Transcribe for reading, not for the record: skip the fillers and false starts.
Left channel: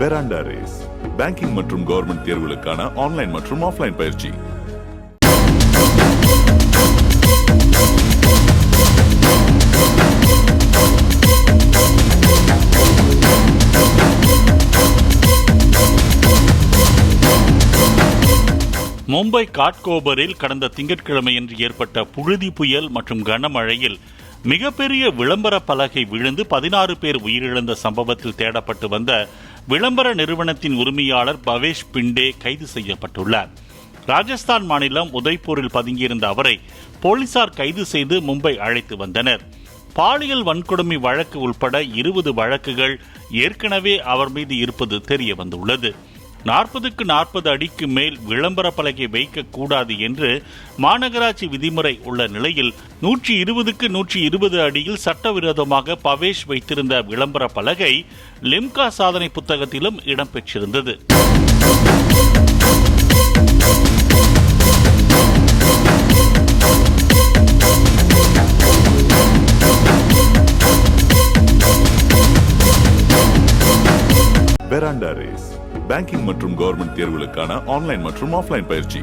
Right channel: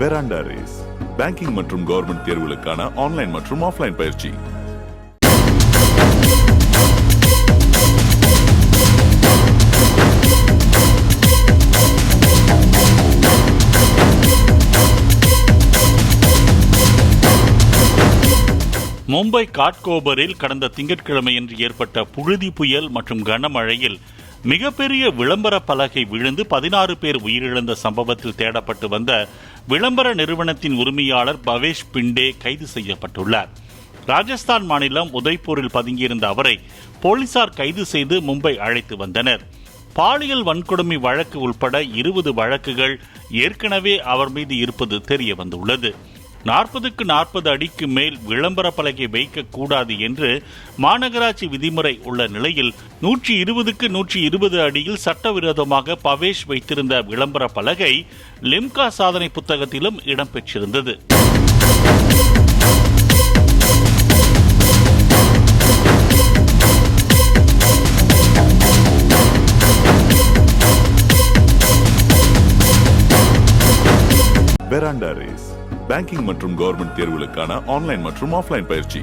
பெராண்டா race banking மற்றும் government தேர்வுகளுக்கான online மற்றும் ஆஃப்லைன் பயிற்சி. மும்பை காட்கோபரில் கடந்த திங்கட்கிழமையன்று ஏற்பட்ட புழுதி புயல் மற்றும் கனமழையில் மிகப்பெரிய விளம்பர பலகை விழுந்து 16 பேர் உயிரிழந்த சம்பவத்தில் தேடப்பட்டு வந்த விளம்பர நிறுவனத்தின் உரிமையாளர் பவேஷ் பிண்டே கைது செய்யப்பட்டுள்ளார். ராஜஸ்தான் மாநிலம் உதய்பூரில் பதுங்கியிருந்த அவரை போலீசார் கைது செய்து மும்பை அழைத்து வந்தனர். பாலியல் வன்கொடுமை வழக்கு உட்பட 20 வழக்குகள் ஏற்கனவே அவர் மீது இருப்பது தெரிய வந்துள்ளது. 40க்கு 40 அடிக்கு மேல் விளம்பர பலகை வைக்கக்கூடாது என்று மாநகராட்சி விதிமுறை உள்ள நிலையில் 120க்கு 120 அடியில் சட்டவிரோதமாக பவேஷ் வைத்திருந்த விளம்பர பலகை லிம்கா சாதனை புத்தகத்திலும் இடம்பெற்றிருந்தது. பெராண்டா ரேஸ் பேங்கிங் மற்றும் கவர்மெண்ட் தேர்வுகளுக்கான ஆன்லைன் மற்றும் ஆஃப்லைன் பயிற்சி.